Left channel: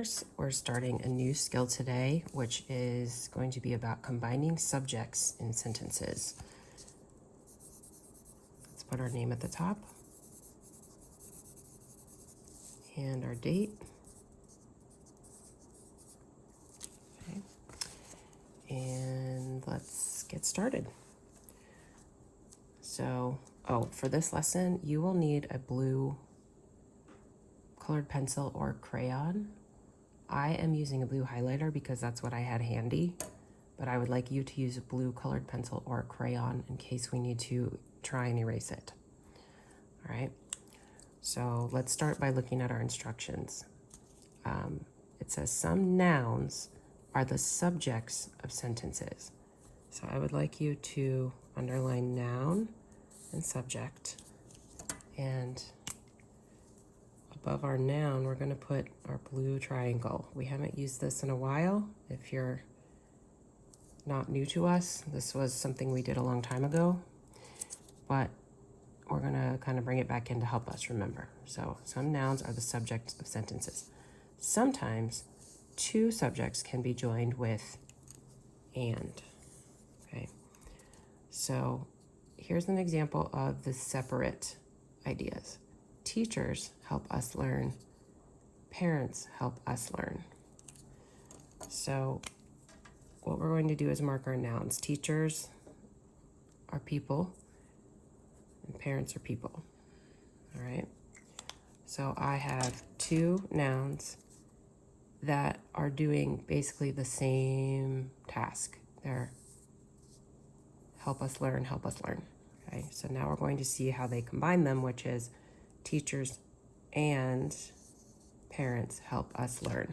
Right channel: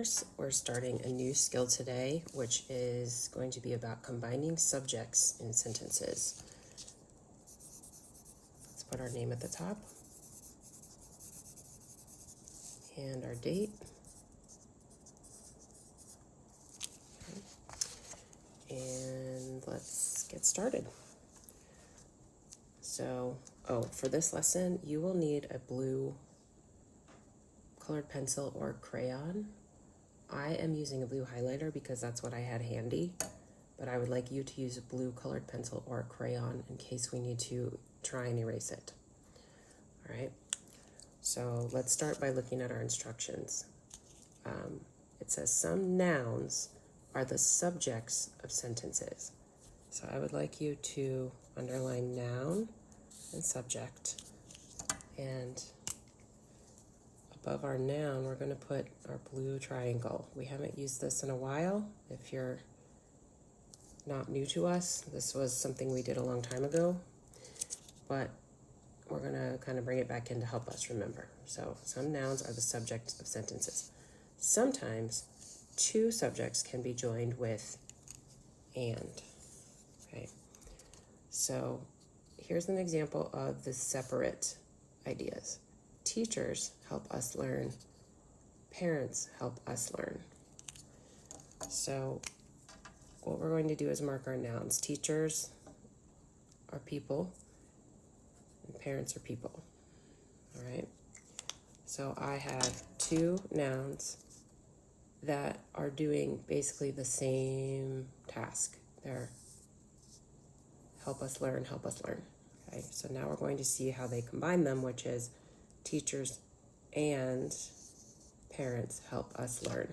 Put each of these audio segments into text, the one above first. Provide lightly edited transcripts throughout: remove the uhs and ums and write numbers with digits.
learners, we're starting a new skill today, which is going to be about combining subjects in sentences. Let's put our name at the top and our date. Okay. And let's get started. So, for this lesson, you will need a blue colored pencil or crayon. I am using a blue highlighter because that's what I had handy, but I would like you to use a blue colored pencil or crayon in case we need to try and erase it. All right, so let's start by looking at our instructions. It says some nouns are the subjects of sentences. So I would like you to underline noun and subject, and above our noun, we're going to put our blue triangle. We haven't used this in a while. If you're not new to us, this was something we did a long time ago, but we're going to kind of bring it back in to help us remember. So some nouns are the subject of sentences. Sometimes two subjects can be joined with and. Okay, so here's an example of the separate ideas. Teachers help us learn. Parents help us learn. So what we're going to do is mark our nouns. Teachers are people, and parents are people. All right. So I have two nouns that are doing basically the same task. They're help us learn, help us learn. Okay, so now we're going to see how they combine them, which is teachers and parents help us learn.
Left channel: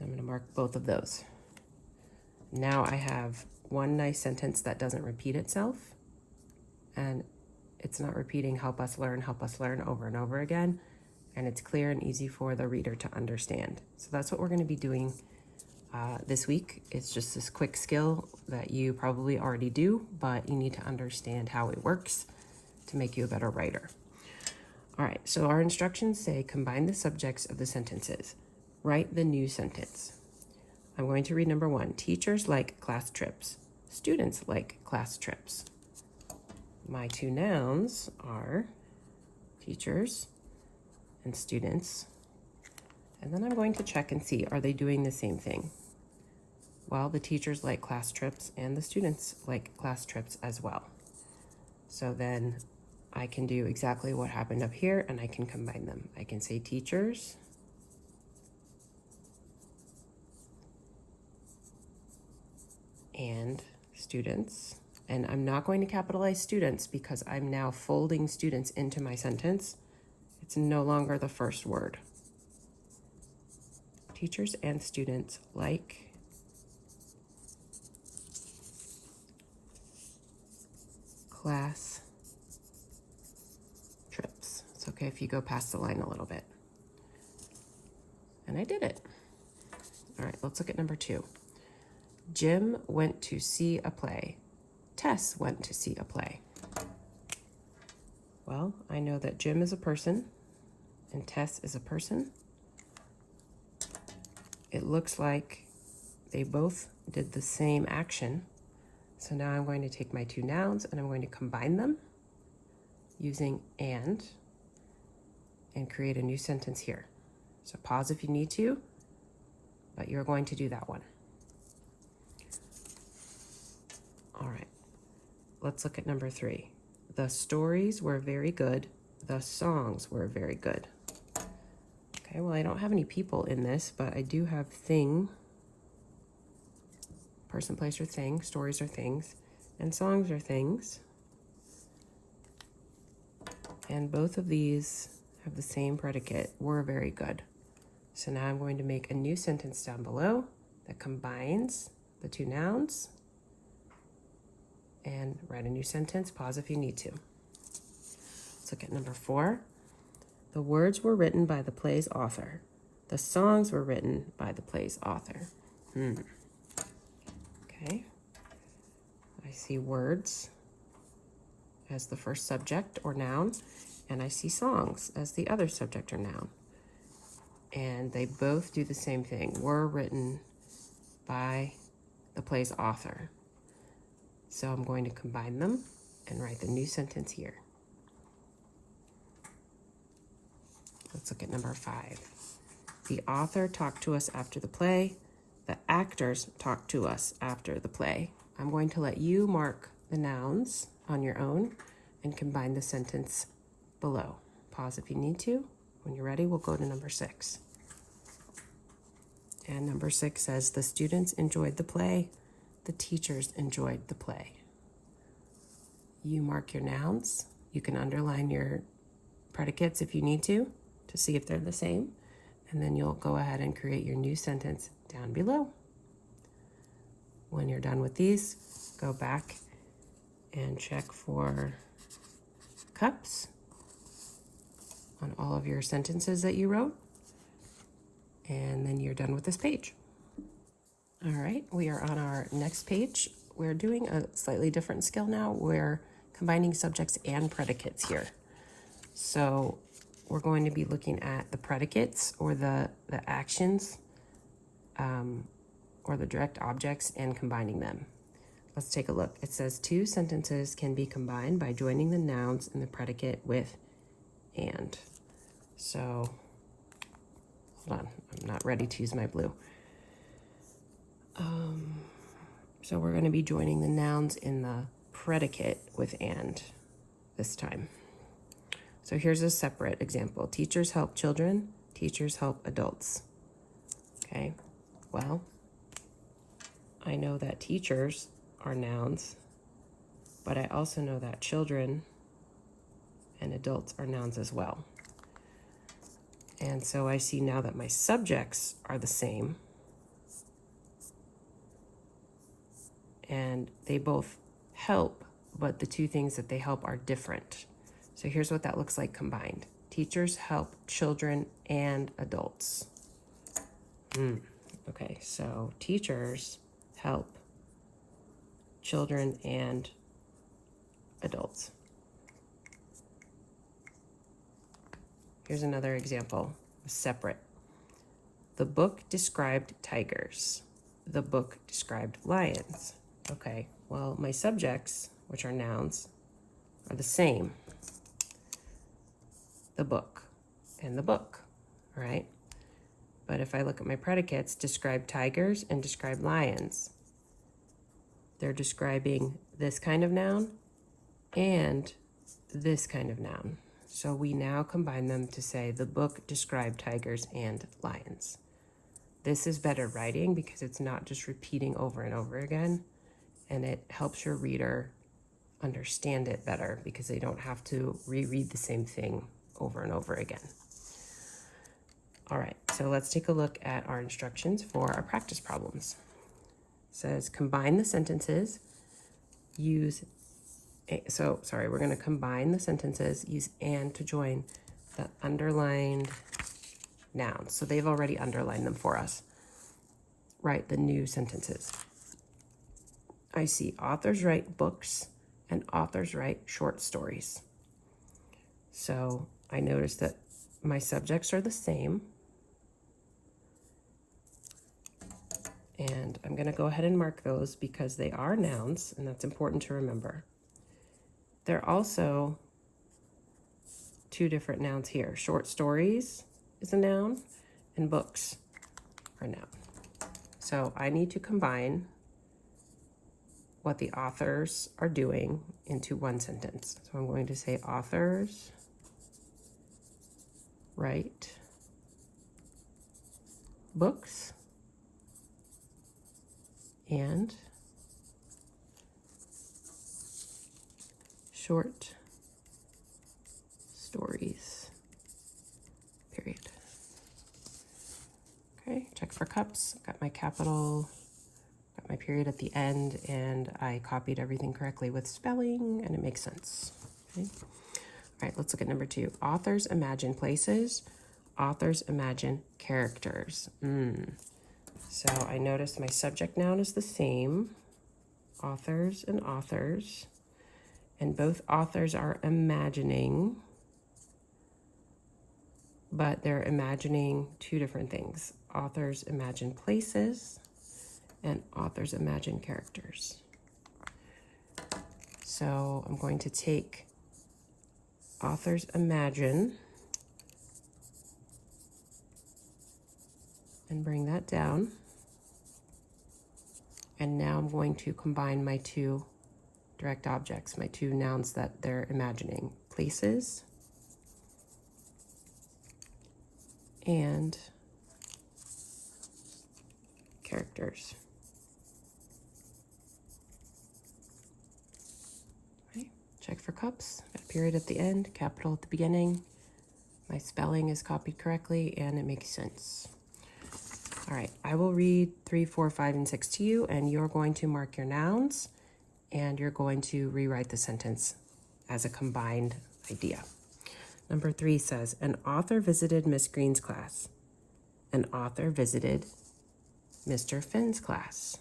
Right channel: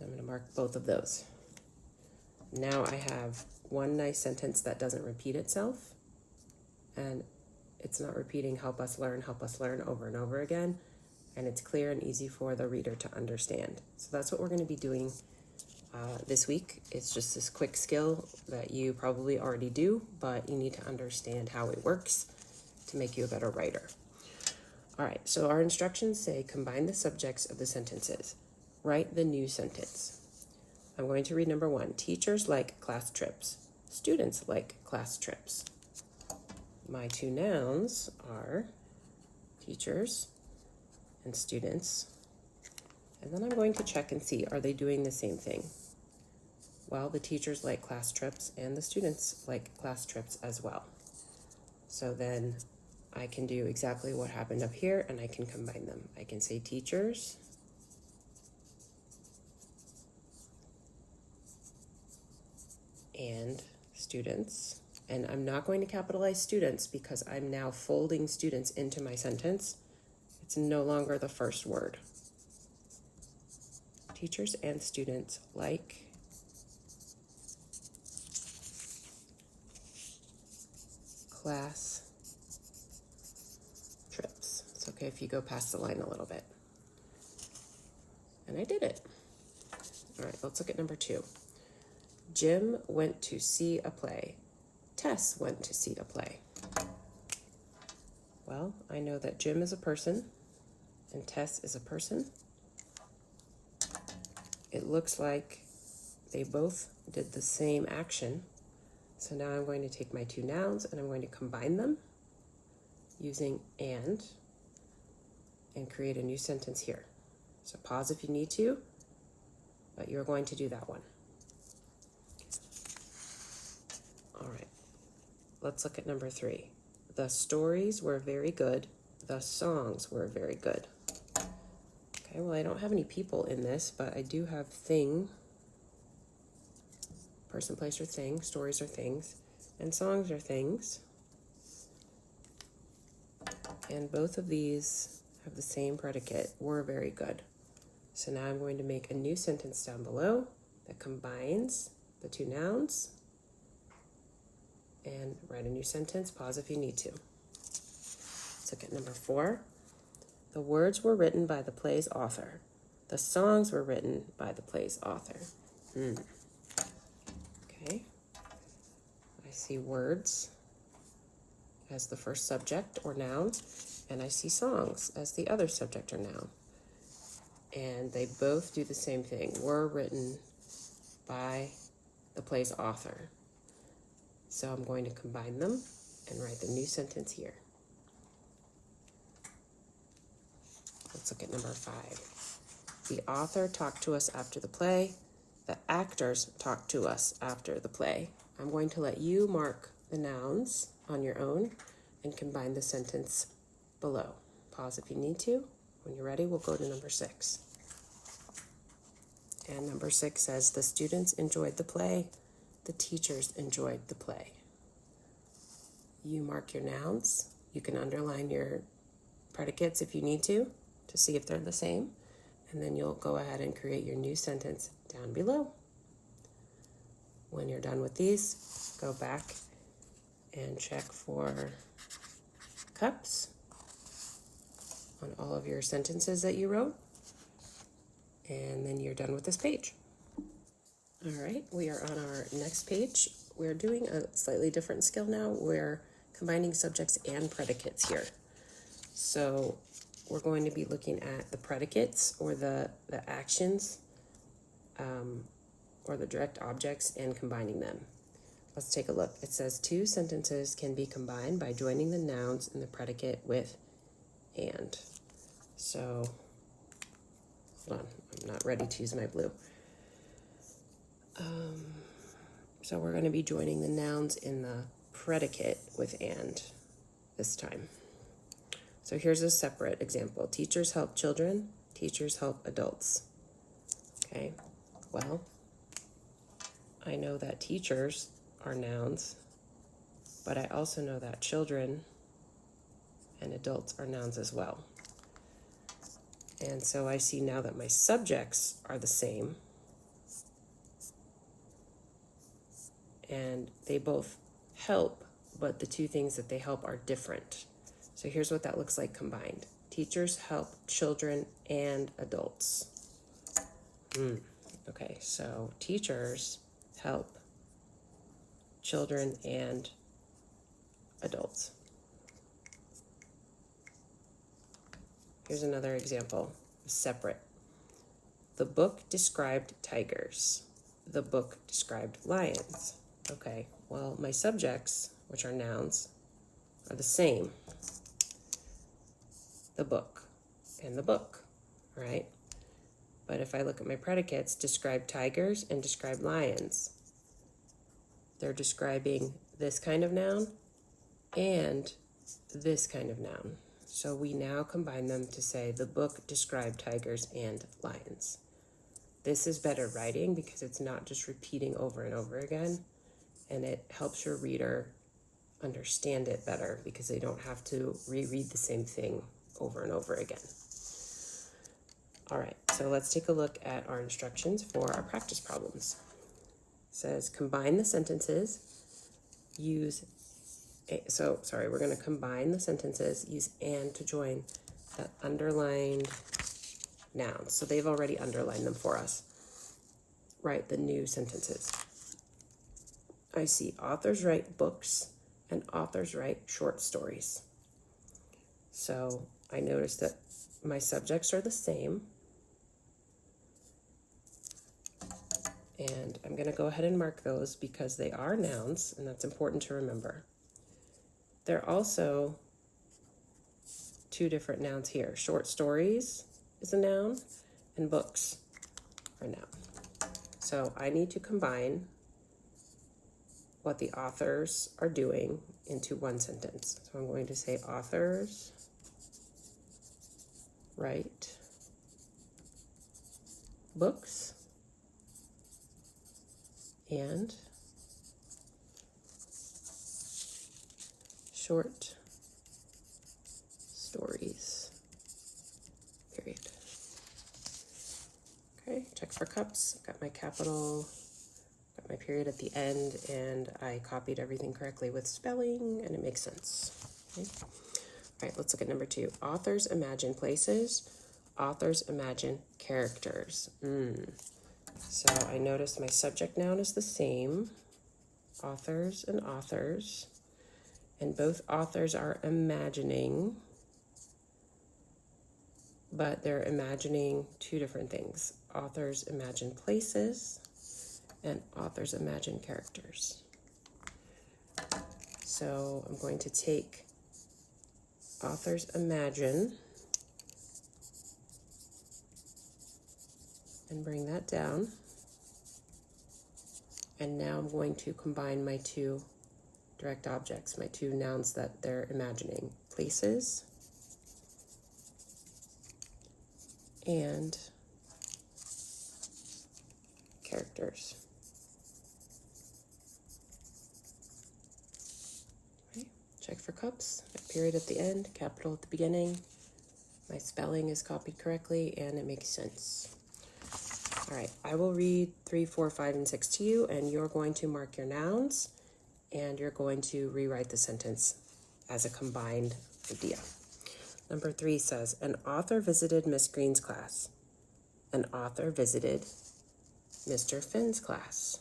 I'm going to mark both of those. Now I have one nice sentence that doesn't repeat itself, and it's not repeating help us learn over and over again, and it's clear and easy for the reader to understand. So that's what we're going to be doing this week. It's just this quick skill that you probably already do, but you need to understand how it works to make you a better writer. All right, so our instructions say combine the subjects of the sentences. Write the new sentence. I'm going to read number 1. Teachers like class trips. Students like class trips. My two nouns are teachers and students. And then I'm going to check and see, are they doing the same thing? Well, the teachers like class trips and the students like class trips as well. So then I can do exactly what happened up here, and I can combine them. I can say teachers and students. And I'm not going to capitalize students because I'm now folding students into my sentence. It's no longer the first word. Teachers and students like class trips. It's okay if you go past the line a little bit. And I did it. All right, let's look at number 2. Jim went to see a play. Tess went to see a play. Well, I know that Jim is a person and Tess is a person. It looks like they both did the same action. So now I'm going to take my two nouns and I'm going to combine them using and create a new sentence here. So pause if you need to, but you're going to do that one. All right, let's look at number 3. The stories were very good. The songs were very good. Okay, well, I don't have any people in this, but I do have thing, person, place, or thing. Stories are things, and songs are things. And both of these have the same predicate, were very good. So now I'm going to make a new sentence down below that combines the two nouns and write a new sentence. Pause if you need to. Let's look at number 4. The words were written by the play's author. The songs were written by the play's author. Okay. I see words as the first subject or noun, and I see songs as the other subject or noun. And they both do the same thing. Were written by the play's author. So I'm going to combine them and write the new sentence here. Let's look at number 5. The author talked to us after the play. The actors talked to us after the play. I'm going to let you mark the nouns on your own and combine the sentence below. Pause if you need to. When you're ready, we'll go to number 6. And number 6 says, the students enjoyed the play. The teachers enjoyed the play. You mark your nouns. You can underline your predicates if you need to see if they're the same. And then you'll go ahead and create your new sentence down below. When you're done with these, go back and check for cups on all of your sentences that you wrote. And then you're done with this page. All right, we are on our next page. We're doing a slightly different skill now. We're combining subjects and predicates here. So we're going to be looking at the predicates or the actions or the direct objects and combining them. Let's take a look. It says 2 sentences can be combined by joining the nouns in the predicate with and. So, hold on, I'm not ready to use my blue. So we're going to be joining the nouns in the predicate with and this time. So here's a separate example. Teachers help children, teachers help adults. Okay, well, I know that teachers are nouns, but I also know that children and adults are nouns as well. And so I see now that my subjects are the same, and they both help, but the 2 things that they help are different. So here's what that looks like combined. Teachers help children and adults. Okay, so teachers help children and adults. Here's another example, separate. The book described tigers. The book described lions. Okay, well, my subjects, which are nouns, are the same. The book and the book, right? But if I look at my predicates, describe tigers and describe lions. They're describing this kind of noun and this kind of noun. So we now combine them to say the book described tigers and lions. This is better writing because it's not just repeating over and over again, and it helps your reader understand it better because they don't have to reread the same thing over and over again. All right, so let's take a look at our instructions for our practice problems. It says combine the sentences, we're going to combine the sentences, use and to join the underlined nouns. So they've already underlined them for us. Write the new sentences. I see authors write books and authors write short stories. So I notice that my subjects are the same. And I'm going to go ahead and mark those because they are nouns, and that's important to remember. There are also 2 different nouns here. Short stories is a noun, and books are a noun. So I need to combine what the authors are doing into one sentence. So I'm going to say authors write books and short stories, period. Okay, check for cups. Got my capital, got my period at the end, and I copied everything correctly with spelling, and it makes sense. Okay. All right, let's look at number 2. Authors imagine places. Authors imagine characters. So I noticed my subject noun is the same, authors and authors, And both authors are imagining, but they're imagining two different things. Authors imagine places, and authors imagine characters. So I'm going to take authors imagine and bring that down. And now I'm going to combine my two direct objects, my two nouns that they're imagining, places and characters. Okay. Check for cups, a period at the end, capital at the beginning. My spelling is copied correctly and it makes sense. All right, I will read 3, 4, 5, and 6 to you, and you're going to mark your nouns, and you're going to rewrite the sentence as a combined idea. Number 3 says, an author visited Miss Green's class. An author visited Mr. Finn's class.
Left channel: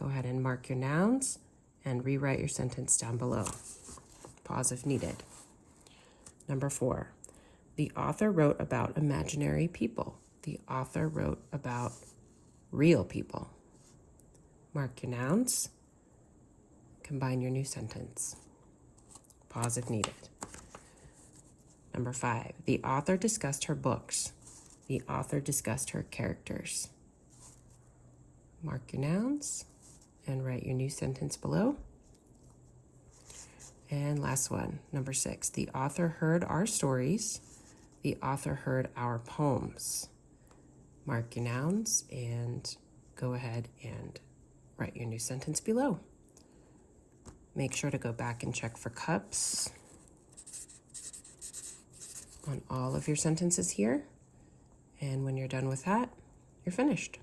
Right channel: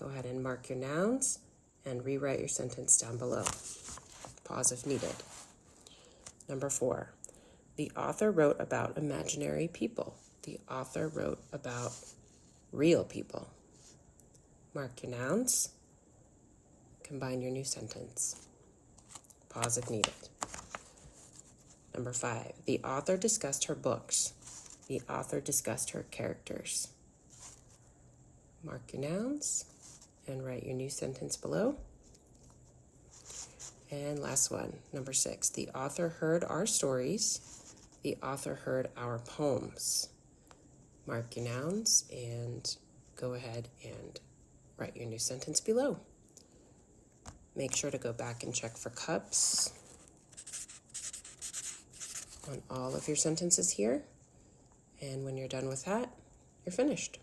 Go ahead and mark your nouns and rewrite your sentence down below. Pause if needed. Number 4, the author wrote about imaginary people. The author wrote about real people. Mark your nouns. Combine your new sentence. Pause if needed. Number 5, the author discussed her books. The author discussed her characters. Mark your nouns and write your new sentence below. And last one, number 6, the author heard our stories. The author heard our poems. Mark your nouns and go ahead and write your new sentence below. Make sure to go back and check for cups on all of your sentences here. And when you're done with that, you're finished.